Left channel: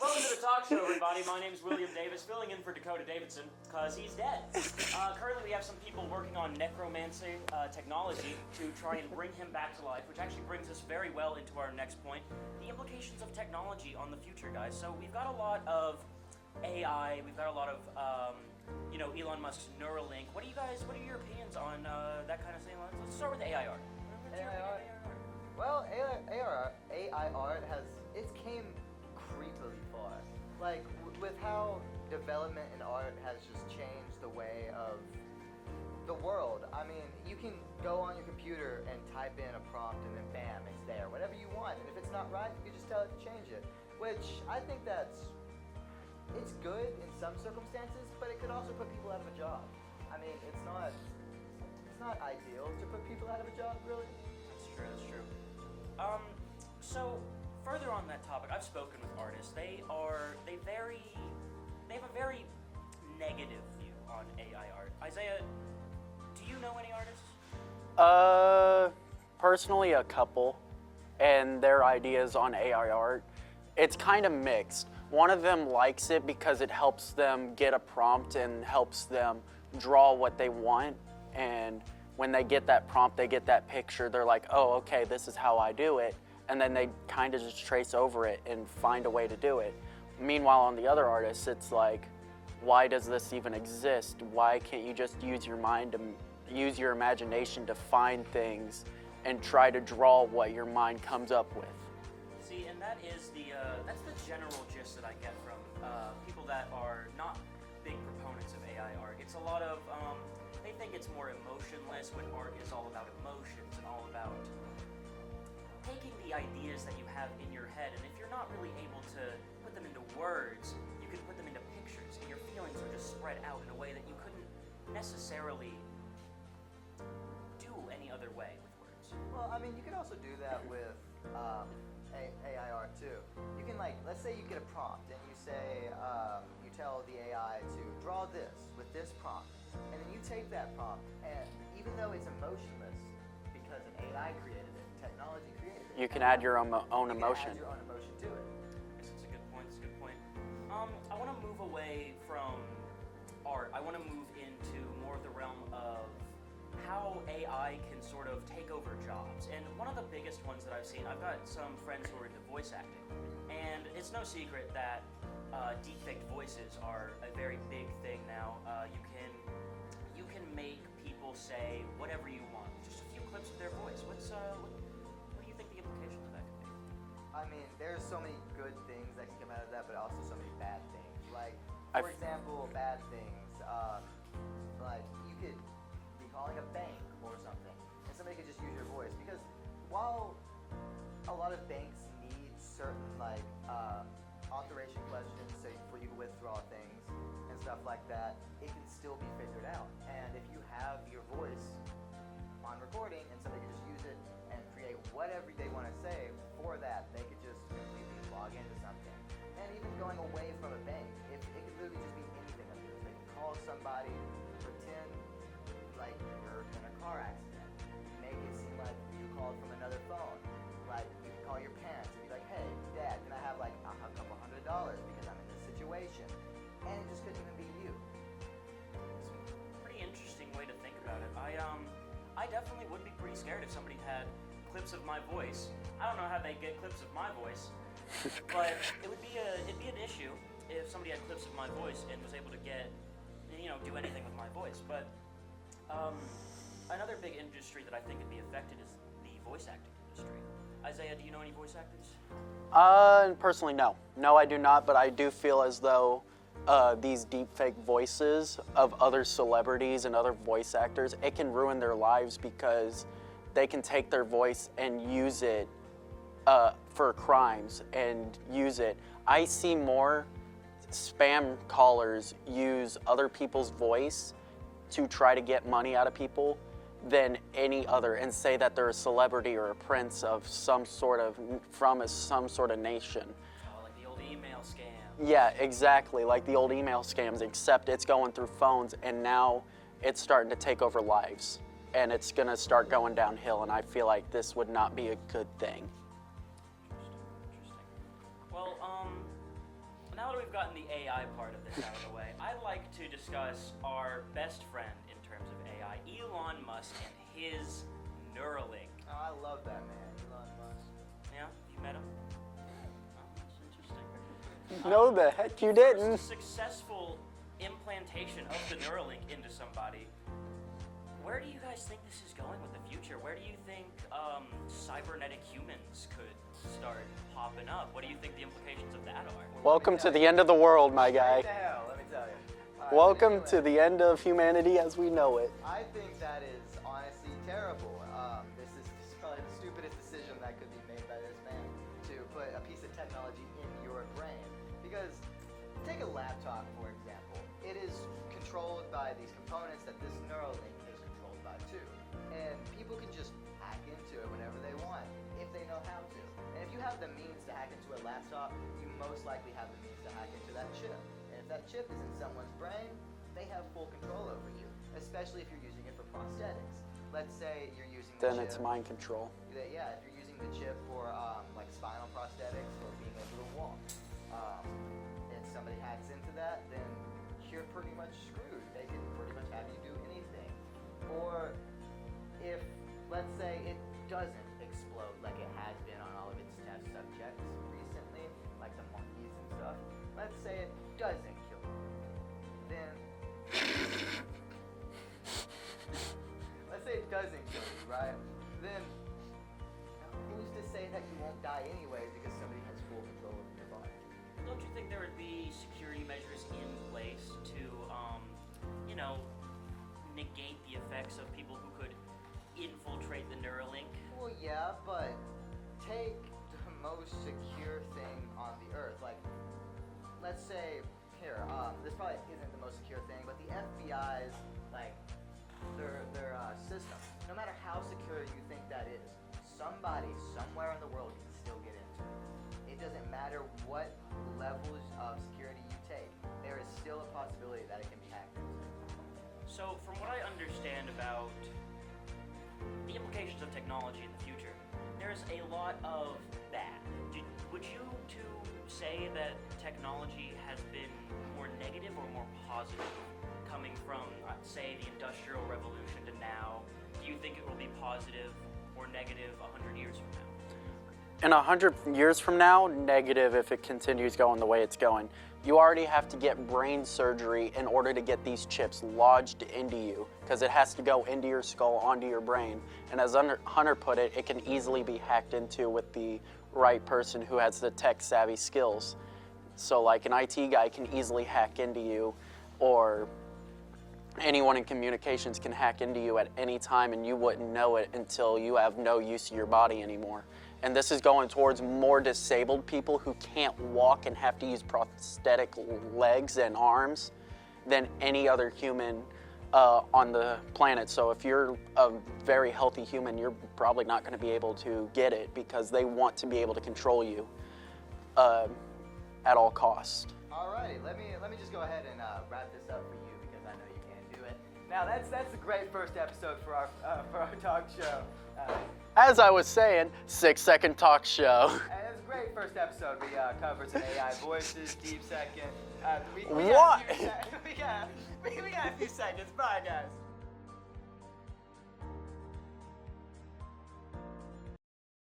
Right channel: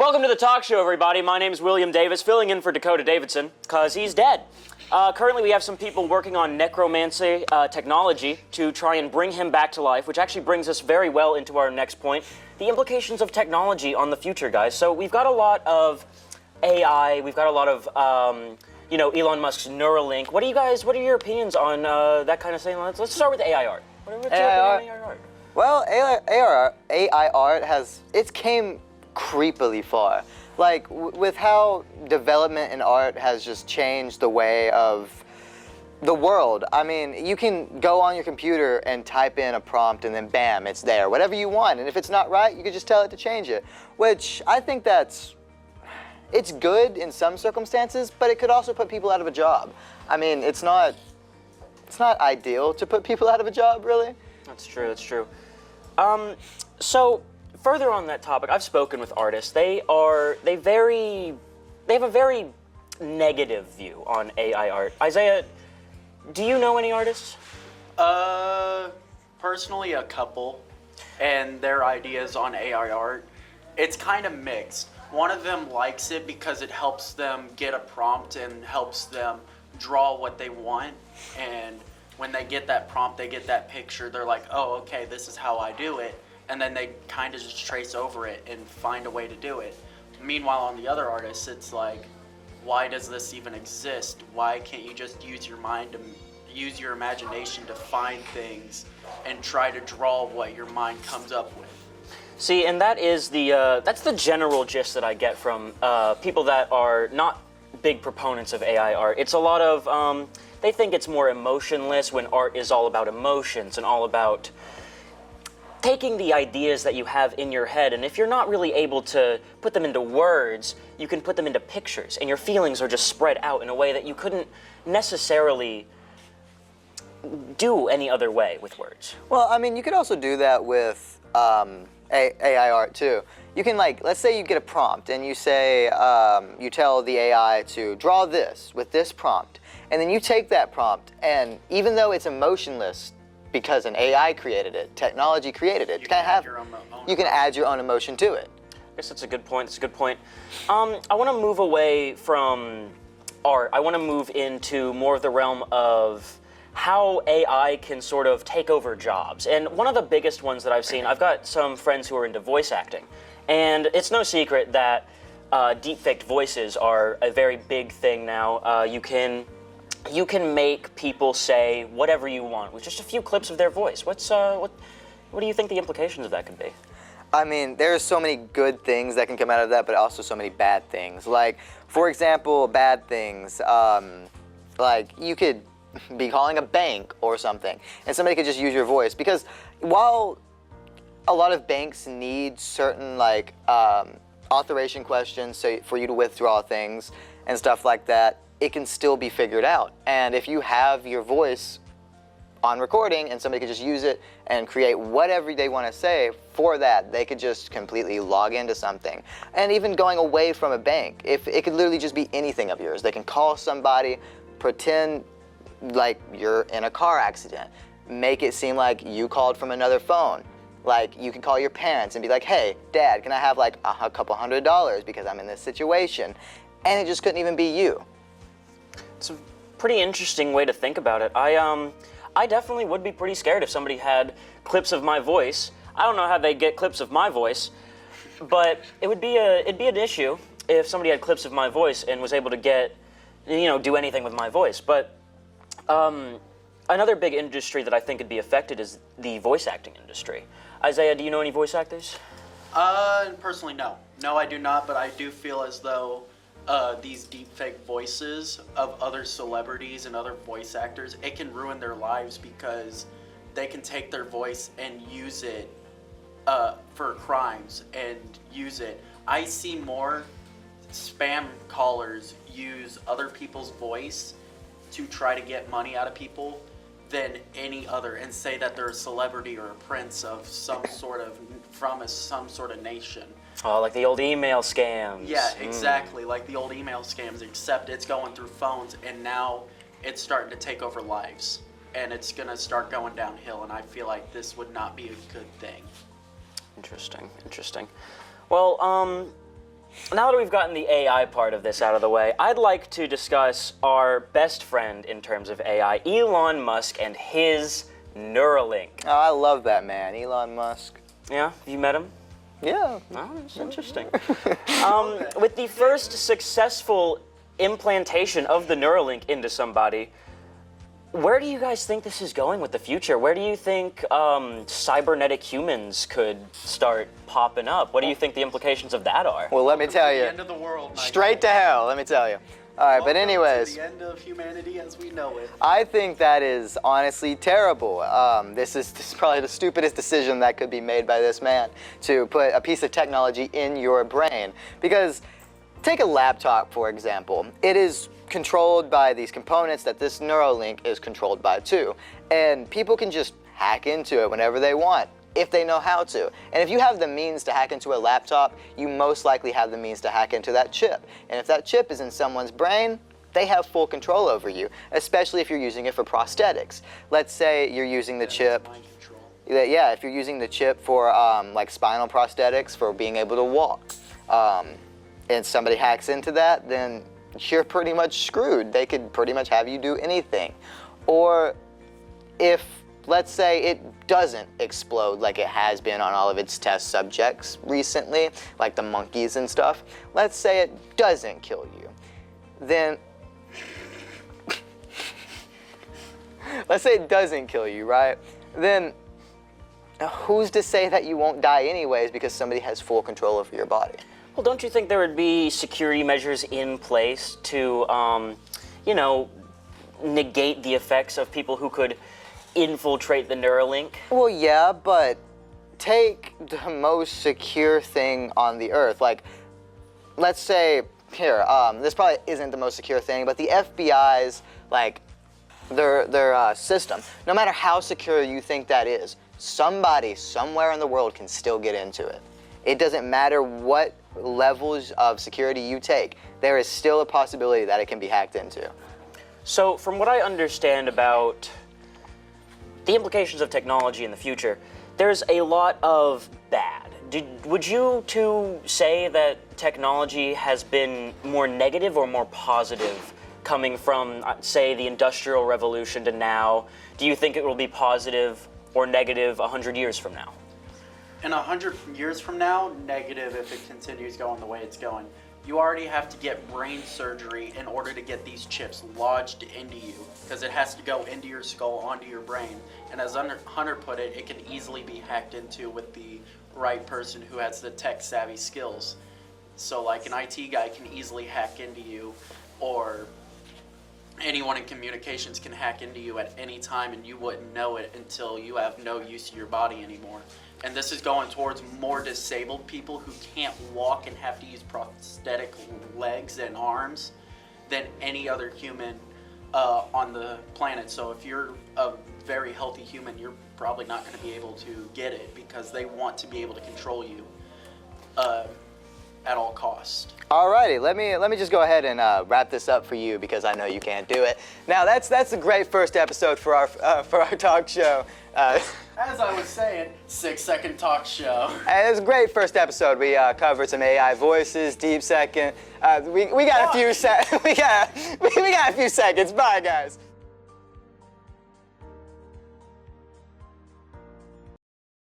Welcome to the talk show, everybody. My name is William Davis, filling in for Dakota Davidson, because he's dead. Currently, we have some people working on necromancy technology to try and bring him back to life, which actually brings us very well into our next point, the implications of technology on the future, guys. So we've got a lot of AI, we've got a lot of, Elon Musk's Neuralink. What are your opinions on that kind of thing? Let's start with AI art. What's your opinion on AI art? Well, AI art it's came creepily far. Like, with how development in art has just changed the way of the world. I mean, you can go on your computer and type in a prompt and then bam, it's there, whatever you want. And if it's not right, you can just tell it to change it, which I think it's good in some circumstances, but it could also put people out of a job. I mean, it's not ideal to put people out of a job, really. That's true, that's true. So further on that topic, I've spoken with artists. They have a very negative view on AI art. Isiah, do you know any artists? Personally, a couple, and their ideas on AI art, it's kind of mixed. One of them likes it because it helps them get a prompt and helps them draw what they want, and when they get that prompt, they get that picture, they're like, oh, okay, this is how I do it, and then they kind of just trace over it and find a way to do it. Meanwhile, on the other artists, it's like, why does this even exist? Why can't you just use your mind to use your imagination to find things and try to draw what your mind comes up with? See, and that is that's the general gist that I get from people that are not big proponents of AI art. It's a lot of, they think it's more emotionless when art is all about emotions and all about taking the ideas that you have in your head, and if you're not really able to put them into words, you can put them into pictures, and your feelings are just spread out in a way that you couldn't necessarily do any other way with words. Well, I mean, you could also do that with AI art too. You can, like, let's say you get a prompt and you say, you tell the AI to draw this with this prompt, and then you take that prompt, and even though it's emotionless because an AI created it, technology created it, you can add your own you can add your own emotion to it. I guess that's a good point. That's a good point. I want to move away from art. I want to move into more of the realm of how AI can sort of take over jobs. And one of the biggest ones that I've seen, I've got some friends who are into voice acting, and it's no secret that deepfaked voices are a very big thing now. You can make people say whatever you want with just a few clips of their voice. What do you think the implications of that could be? I mean, there's so many good things that can come out of that, but also so many bad things. Like, for example, bad things, like you could be calling a bank or something, and somebody could just use your voice. Because while a lot of banks need certain, like, authorization questions for you to withdraw things and stuff like that, it can still be figured out. And if you have your voice on recording and somebody could just use it and create whatever they want to say for that, they could just completely log into something. And even going away from a bank, if it could literally just be anything of yours. They can call somebody, pretend like you're in a car accident, make it seem like you called from another phone. Like, you can call your parents and be like, hey, Dad, can I have like a couple $100 because I'm in this situation? And it just couldn't even be you. It's a pretty interesting way to think about it. I definitely would be pretty scared if somebody had clips of my voice. I don't know how they get clips of my voice, but it'd be an issue if somebody had clips of my voice and was able to get, do anything with my voice. But another big industry that I think would be affected is the voice acting industry. Isiah, do you know any voice actors? Personally, no. No, I do not, but I do feel as though these deepfake voices of other celebrities and other voice actors, it can ruin their lives because they can take their voice and use it for crimes and use it. I see more spam callers use other people's voice to try to get money out of people than any other, and say that they're a celebrity or a prince of some sort of nation. Oh, like the old email scams. Yeah, exactly, like the old email scams, except it's going through phones, and now it's starting to take over lives, and it's gonna start going downhill, and I feel like this would not be a good thing. Interesting, interesting. Well, Now that we've gotten the AI part of this out of the way, I'd like to discuss our best friend in terms of AI, Elon Musk and his Neuralink. Oh, I love that man, Elon Musk. Yeah, have you met him? Yeah. Oh, that's interesting. that. With the You first didn't. successful implantation of the Neuralink into somebody, where do you guys think this is going with the future? Where do you think cybernetic humans could start popping up? What do you think the implications of that are? Well, let me Welcome tell to you. the end of the world, my Straight to guy. hell, let me tell you. All right, Welcome but anyways. to the end of humanity as we know it. I think that is honestly terrible. This is probably the stupidest decision that could be made by this man, to put a piece of technology in your brain. Because take a laptop, for example. It is controlled by these components that this Neuralink is controlled by too. And people can just hack into it whenever they want, if they know how to. And if you have the means to hack into a laptop, you most likely have the means to hack into that chip. And if that chip is in someone's brain, they have full control over you, especially if you're using it for prosthetics. Let's say you're using the Then chip. it's mind control. Yeah, if you're using the chip for like spinal prosthetics for being able to walk, and somebody hacks into that, then you're pretty much screwed. They could pretty much have you do anything. Or if, let's say, it doesn't explode like it has been on all of its test subjects recently, like the monkeys and stuff. Let's say it doesn't kill you. Then, let's say it doesn't kill you, right? Then, who's to say that you won't die anyways because somebody has full control over your body? Well, don't you think there would be security measures in place to, you know, negate the effects of people who could infiltrate the Neuralink? Well, yeah, but take the most secure thing on the earth. Like, let's say, here, this probably isn't the most secure thing, but the FBI's, like, their system, no matter how secure you think that is, somebody somewhere in the world can still get into it. It doesn't matter what levels of security you take, there is still a possibility that it can be hacked into. So, from what I understand about the implications of technology in the future, there's a lot of bad. Would you two say that technology has been more negative or more positive coming from, say, the Industrial Revolution to now? Do you think it will be positive or negative 100 years from now? In 100 years from now, negative if it continues going the way it's going. You already have to get brain surgery in order to get these chips lodged into you, because it has to go into your skull, onto your brain. And as Hunter put it, it can easily be hacked into with the right person who has the tech-savvy skills. So like an IT guy can easily hack into you, or anyone in communications can hack into you at any time and you wouldn't know it until you have no use of your body anymore. And this is going towards more disabled people who can't walk and have to use prosthetic legs and arms than any other human on the planet. So if you're a very healthy human, you're probably not going to be able to get it because they want to be able to control you at all costs. Alrighty, let me just go ahead and wrap this up for you because I know you can't do it. Now that's a great first episode for our talk show. As I was saying, 6-second talk show. And it was a great first episode. We covered some AI voices, deep second. We got a few we got a few seconds. Bye, guys.